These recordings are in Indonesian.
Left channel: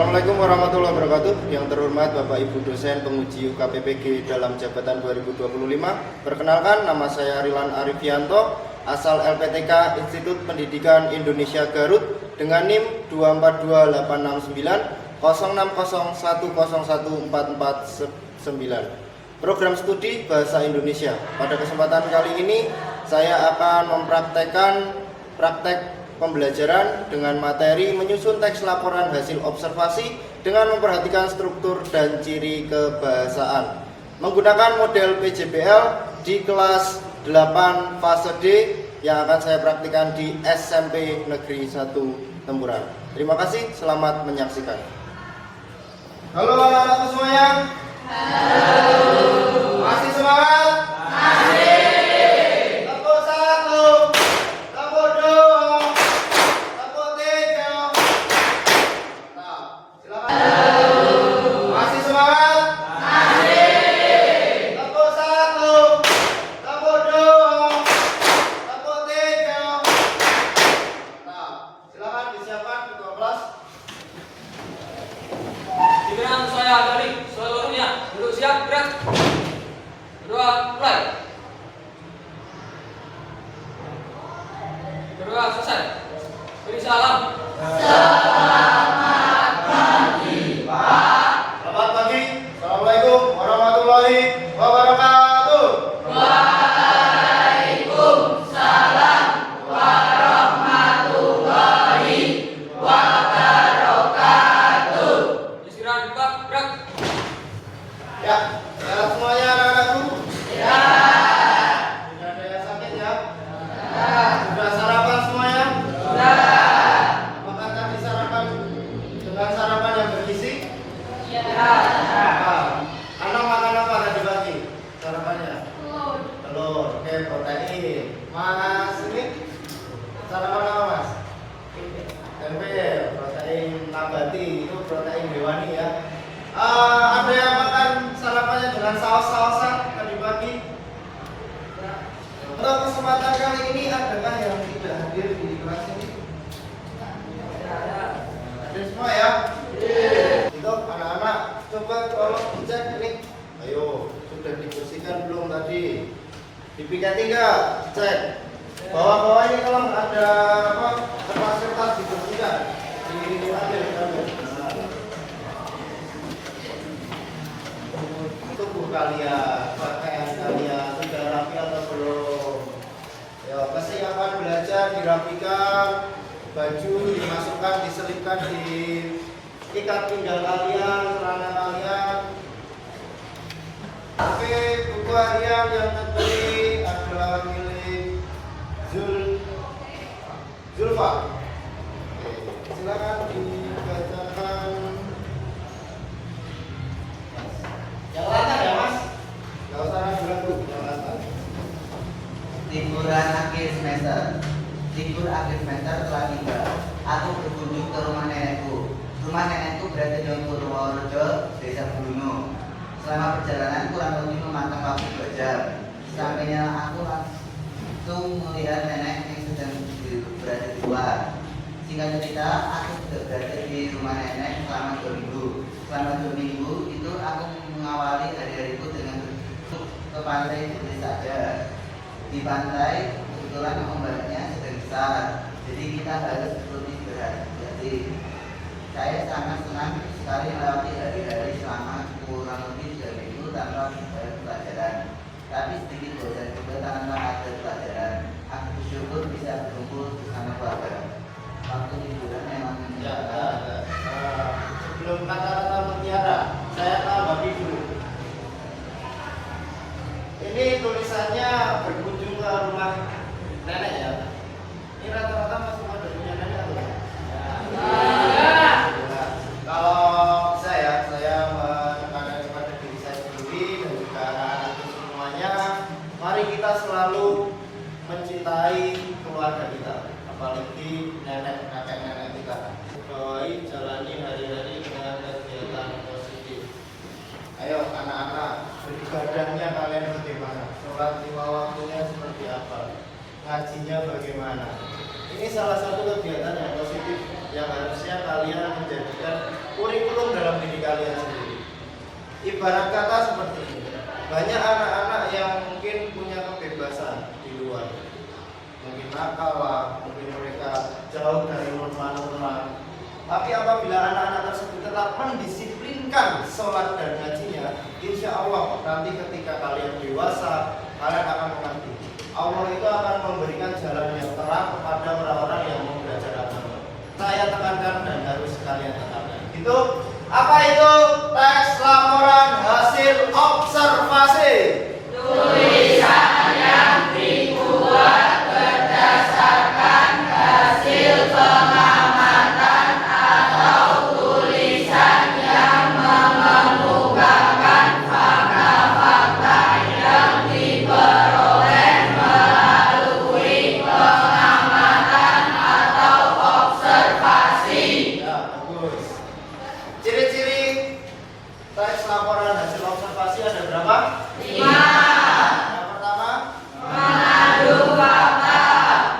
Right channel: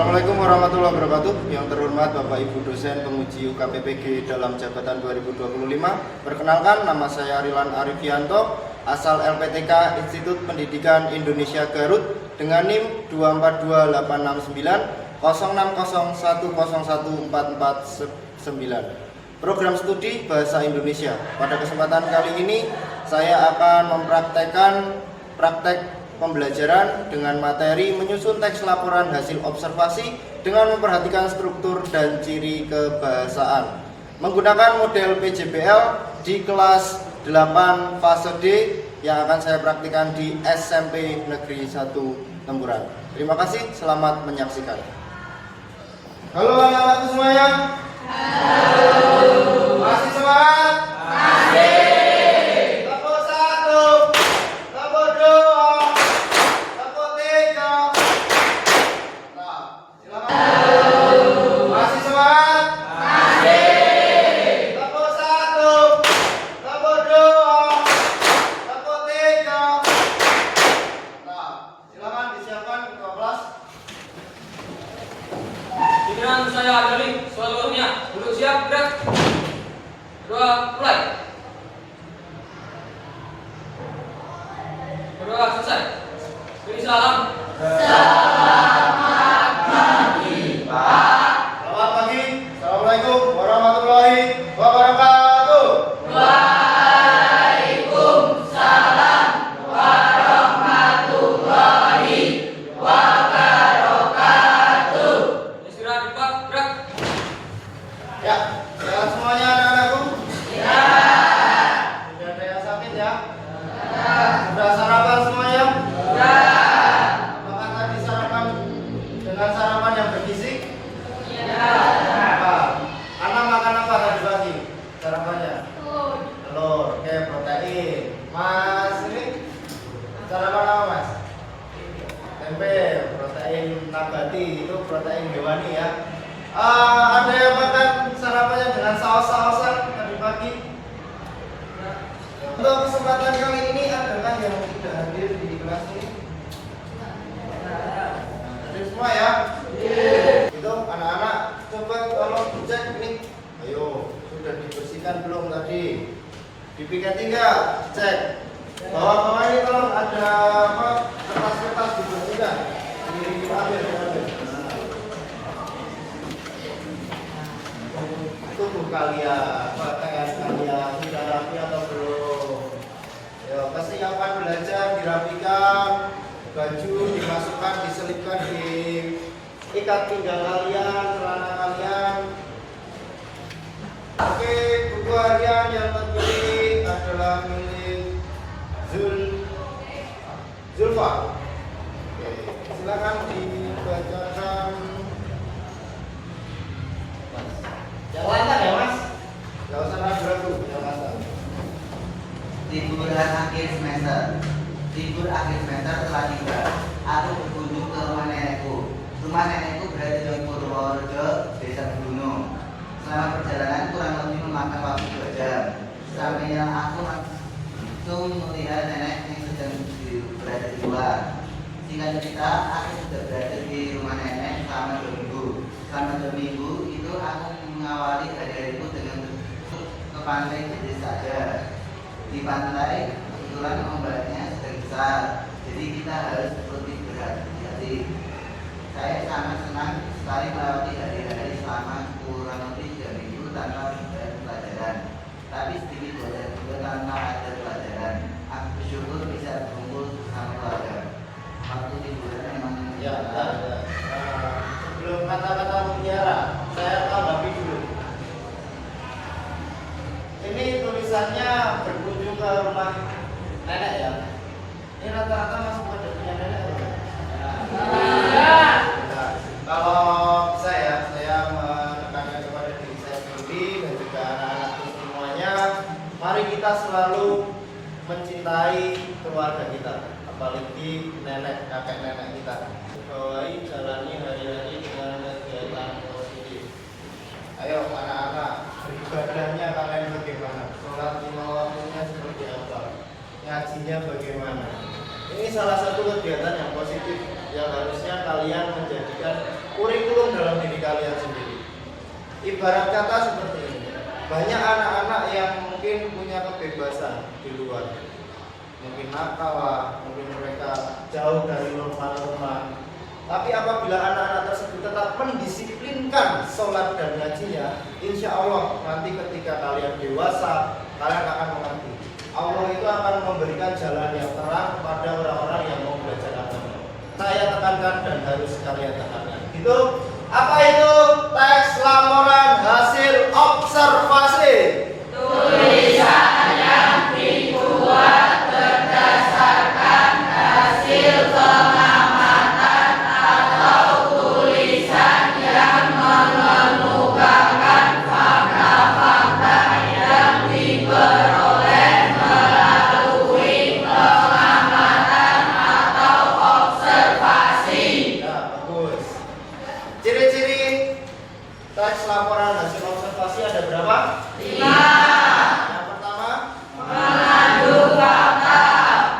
Assalamualaikum warahmatullahi wabarakatuh. Yang terhormat Bapak Ibu dosen penguji UKPPG dalam jabatan 2025. Perkenalkan, nama saya Rilan Arifianto, asal LPTK Institut Pendidikan Indonesia Garut dengan NIM 242869 060101449. Program studi Bahasa Indonesia. Pada kesempatan kali ini saya akan mempraktekkan praktek pembelajaran dengan materi menyusun teks laporan hasil observasi dengan memperhatikan struktur dan ciri kebahasaan menggunakan model PJBL di kelas 8 fase D yang akan saya praktikkan di SMP Negeri 1 Temburan. Terima kasih, selamat menyaksikan. Halo anak-anak semuanya. Halo. Masih semangat? Masih. Giliran saya dari seluruhnya. Duduk siap, gerak. Kedua, mulai. Kedua, selesai. Beri salam. Selamat pagi, Pak. Selamat pagi. Assalamualaikum warahmatullahi wabarakatuh. Waalaikumsalam warahmatullahi wabarakatuh. Istirahat di tempat, gerak. Ya, sehat semuanya anak-anakku? Ya. Tidak ada yang sakit ya? Sudah sarapan semuanya? Ya. Apakah tadi sarapan dengan sarapan yang bergizi? Ya. Nah, anak makan apa tadi pagi sarapannya? Telur, oke, protein. Mas ini sarapan apa mas? Tempe, protein nabati, itu protein hewani ya. Ada yang makan sarapannya dengan saus-sausan tadi pagi? Untuk kesempatan kali ini adakah yang tidak hadir di kelas ini? Hadir semua ya? Itu anak-anak coba tolong dicek ini. Ayo, sudah dibersihkan belum tadi? Dipikati enggak? Cek. Bawah-bawah ini kalau ada apa kertas-kertas gitu enggak? Diambil. Nah. Tubuh kalian, pakaian kalian sudah rapi atau belum? Ya, kesiapan belajar dirapikan, baju dimasukkan, diselipkan di ikat pinggang kalian, celana kalian. Oke, buku harian yang terpilih adalah milik Zulfa. Oke, silakan dibacakan. Yang lainnya ya mas? Gak usah ragu-ragu, yang lainnya. Liburan akhir semester. Libur akhir semester telah tiba. Aku berkunjung ke rumah nenekku. Rumah nenekku berada di Purworejo, Desa Gunung. Selama perjalanan kurang lebih memakan waktu 2 jam. Sampainya aku langsung melihat nenek yang sedang berada di luar. Singkat cerita, aku sudah berada di rumah nenek selama 2 minggu. Selama 2 minggu itu aku mengawali hari-hariku dengan ke pantai jadi saja. Di pantai kebetulan ombaknya sedang besar, jadi kita harus lebih berhati-hati. Saya sangat senang sekali melewati hari-hari selama kurang lebih 3 minggu tanpa pelajaran. Tapi sedikit bosan juga tanpa ada pelajaran. Aku bersyukur bisa berkumpul bersama keluarga. Waktu liburan memang Ya, sebelum kata-kata mutiara, saya tambah dulu. Ini tulisannya berkunjung ke rumah nenek ya. Ini rata-rata masuk pada punya nenek atau ya? Nah, kalau saya menekankan kepada diri saya sendiri dan juga anak-anakku semuanya, mari kita selalu mencintai keluarga kita, apalagi kakek nenek kita. Bawahi jalani hari-hari dengan kegiatan positif. Ayo anak-anak, beribadahnya kalian bagaimana? Sholat lima waktunya seperti apa? ngajinya bagaimana. Ini salah satu kegiatan yang positif yang harusnya kalian menjadikan kurikulum dalam diri kalian sendiri. Ibarat kata seperti ini, banyak anak-anak yang mungkin punya kebebasan di luar, mungkin nakal lah, mungkin mereka jauh dari norma-norma. Tapi apabila anak-anak tersebut tetap mendisiplinkan sholat dan ngajinya, insya Allah nanti ketika kalian dewasa, kalian akan mengerti. Allah itu akan memberikan jalan yang terang kepada orang-orang yang mau belajar agama. Saya tekankan dan harus kalian tekankan. Itu apa itu? Teks laporan hasil observasi. Tulisan yang dibuat berdasarkan hasil pengamatan atau tulisan yang mengemukakan fakta-fakta yang diperoleh melalui pengamatan atau observasi. Ya, bagus. Ciri-ciri teks laporan hasil observasi ada berapa? 5. Yang pertama, Mengandung fakta,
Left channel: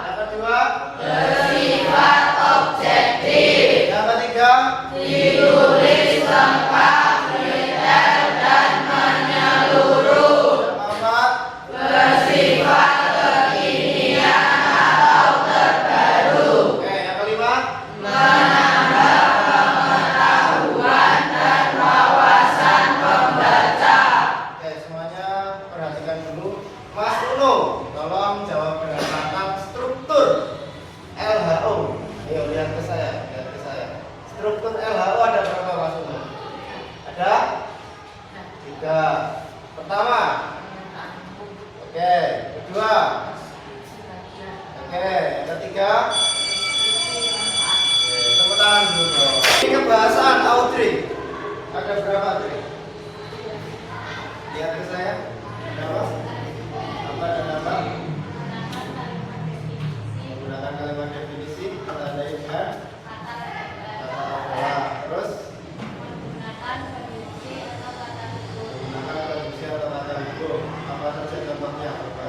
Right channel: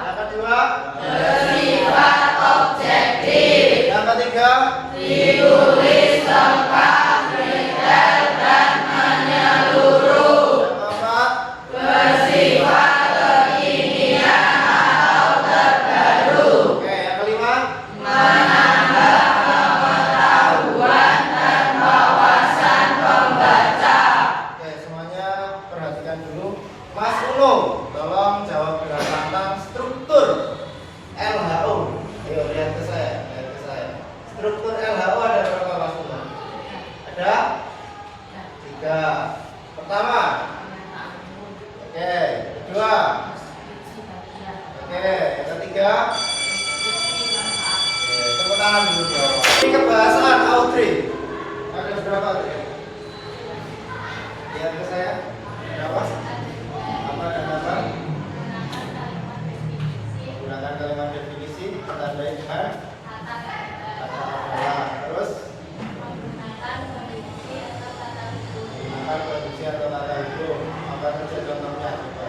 yang kedua, bersifat objektif, yang ketiga, ditulis lengkap, detail dan menyeluruh, yang keempat, bersifat kekinian atau terbaru, oke, yang kelima, menambah pengetahuan dan wawasan pembaca. oke, semuanya perhatikan dulu. Mas Uno, tolong jawab tentang struktur LHO. Ayo lihat ke saya, lihat ke saya. Struktur LHO ada berapa Mas Uno? Ada 3. Pertama, oke, kedua, oke, yang ketiga, oke, tepuk tangan dulu dong. Ini kebahasan Audrey. Ada berapa Audrey? Lihat ke saya. Berapa? Apa dan apa? Menggunakan kalimat definisi, ditandai dengan kata adalah. Terus menggunakan kondisi atau kata hukum. Apa saja contohnya? Coba.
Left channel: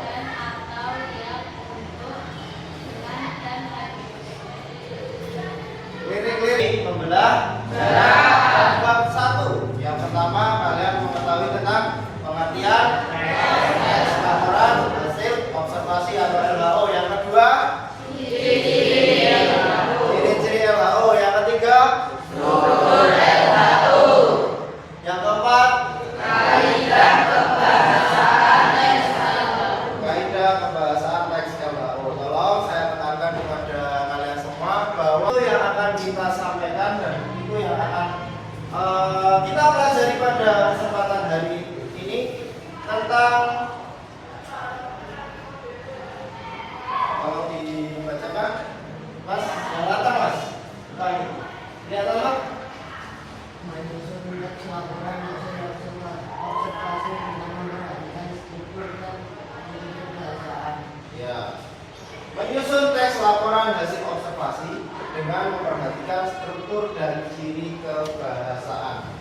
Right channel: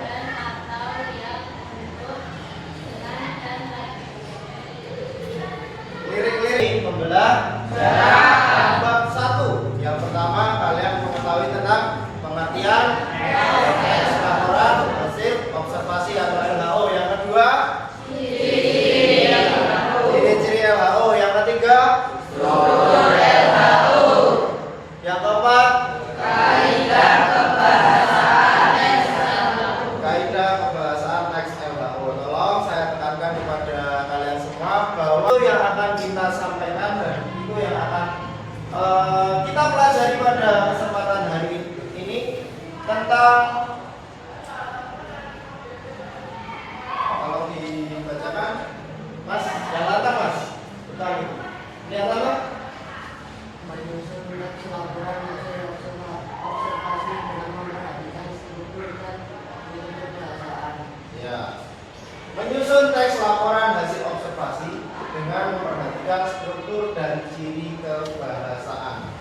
Lirik-lirik membelah jarak bab 1. Yang pertama kalian mengetahui tentang pengertian teks laporan hasil observasi atau LHO. Yang kedua, ciri-ciri LHO. Yang ketiga, Struktur LHO, yang keempat, kaidah kebahasaan kaidah kebahasaan teks LHO. Tolong saya tekankan kepada kalian semua bahwa itu yang akan kita sampaikan dan itu yang akan kita pelajari pada kesempatan hari ini tentang, kalau dibacakan Mas, yang latar Mas, depan itu. Lihat lama. Menyusun teks laporan hasil observasi dengan memperhatikan struktur dan ciri kebahasaan. Ya. Menyusun teks laporan hasil observasi dengan memperhatikan struktur dan ciri kebahasaan.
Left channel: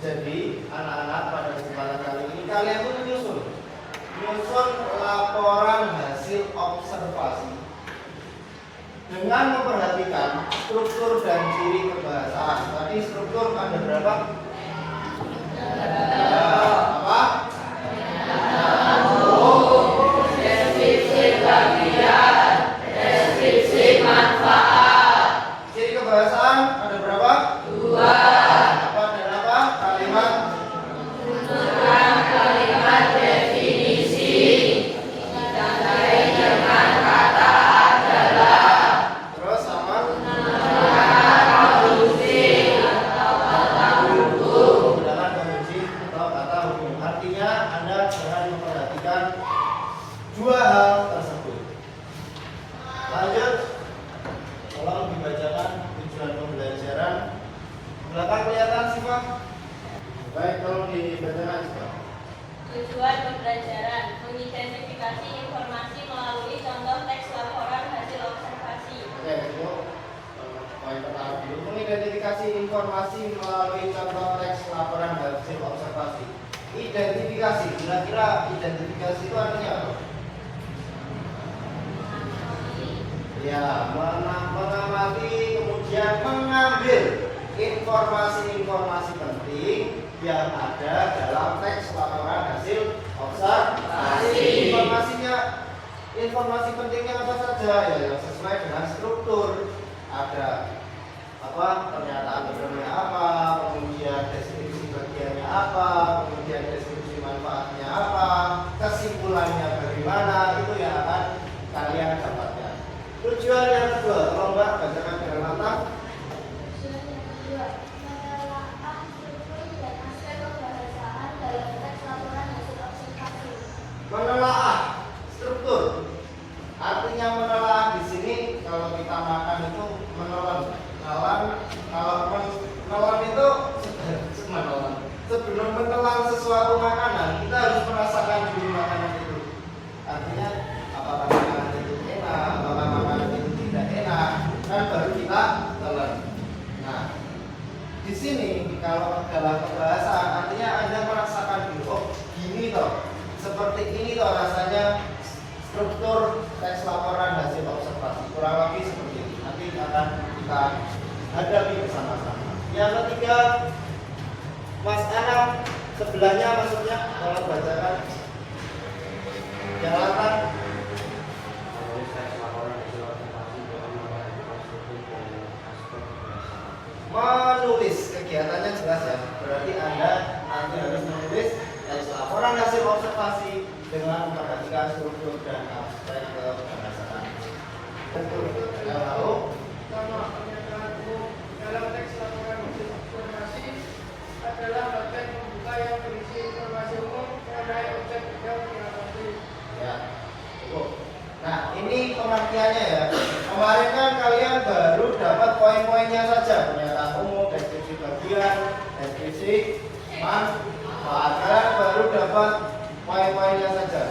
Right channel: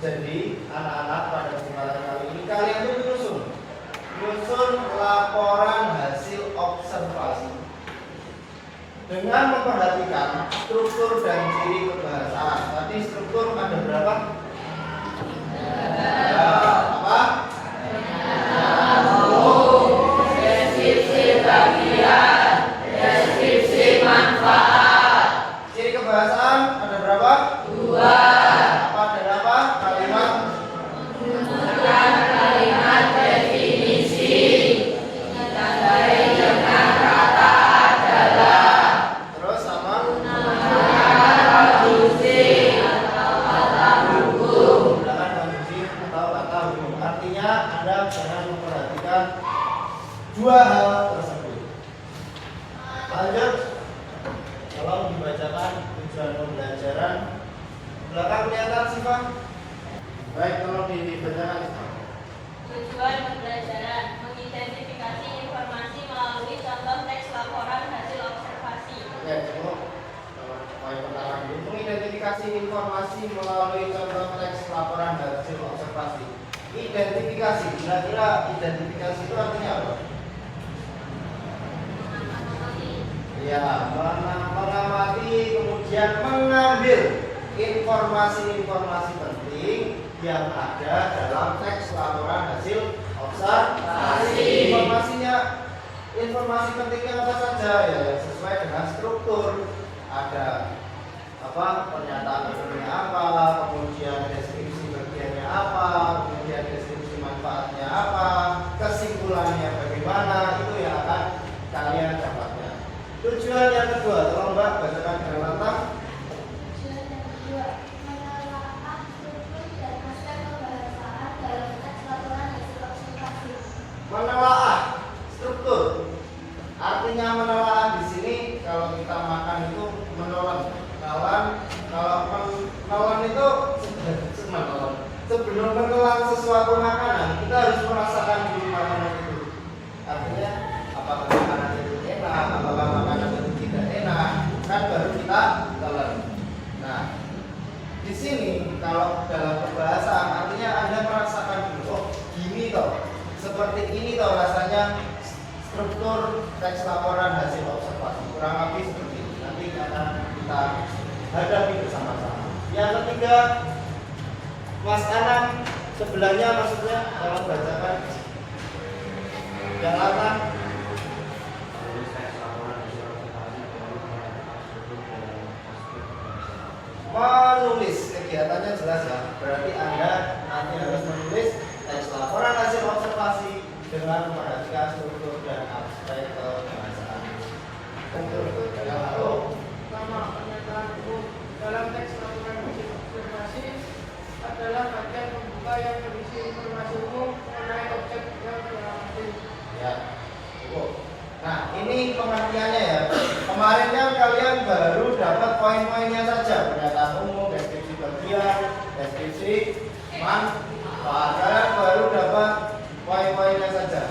Jadi, anak-anak pada kesempatan kali ini kalian tuh menyusun laporan hasil observasi dengan memperhatikan struktur dan ciri kebahasaan. Tadi struktur ada berapa? Ya, apa? deskripsi bagian, deskripsi manfaat. Ciri kebahasaan ada berapa? 2. Apa dan apa? Kalimat. Menggunakan kalimat definisi, ditandai dengan kata adalah, Terus sama. menggunakan konstruksi atau kata buku. Menggunakan konstruksi atau kata hukum. Artinya Anda jangan memperhatikan dua hal tersebut. Lanjut. Tolong dibacakan tujuan pembelajaran. Belakang kelihatan sih Pak? Baik, tolong dibacakan sih Pak. Tujuan pembelajaran mengidentifikasi informasi melalui contoh teks laporan hasil observasi. Oke, cukup. Poin pertama dulu. Mengidentifikasi informasi melalui contoh teks laporan hasil observasi. Identifikasi, kira-kira identifikasi itu artinya apa? Ya, mengamati kemudian mengambil informasi-informasi penting yang ada dalam teks laporan hasil observasi. Informasi pentingnya apa saja ya, yang sesuai dengan struktur. Ada pernyataan ekonominya apa, kemudian deskripsi bagiannya apa, kemudian deskripsi manfaatnya apa, kesimpulannya bagaimana, itu yang akan kalian dapatkan. Tujuan yang kedua, tolong Mbak bacakan dengan lantang. Tujuan yang kedua, menelaah struktur dan aspek pembahasan dalam teks laporan hasil observasi. Menelaah struktur. Artinya menelaah di sini kalau kita makan itu menelan. Kalau menelan itu sebelum menelan sesuatu makanan, kita harus merasakan dulu makanan itu. Artinya apakah makanan itu enak, apakah makanan itu tidak enak, kan baru kita telan. Nah, di sini kalau dalam pembahasan artinya Anda merasakan dulu, oh gini toh, seperti ini toh rasanya struktur teks laporan hasil observasi, kurang lebih seperti ini. Nanti akan kita hadapi bersama-sama. Yang ketiga, Mas Anang sebelahnya maksudnya tolong bacakan. Yang lantang. Menulis kegiatannya jelas ya. Berarti Anda nanti harus menulis teks laporan hasil observasi dengan memperhatikan struktur dan aspek kebahasaan. Yang lalu Pertama, pernyataan umum dalam teks laporan hasil observasi adalah bagian pembuka yang berisi informasi umum mengenai objek observasi. ya. Nah, ini pengertiannya ya. Kemarin kan kalian baru dapat poin-poinnya saja, pernyataan umum, deskripsi bagian, deskripsi manfaat. Kalian baru dapat poin-poinnya saja.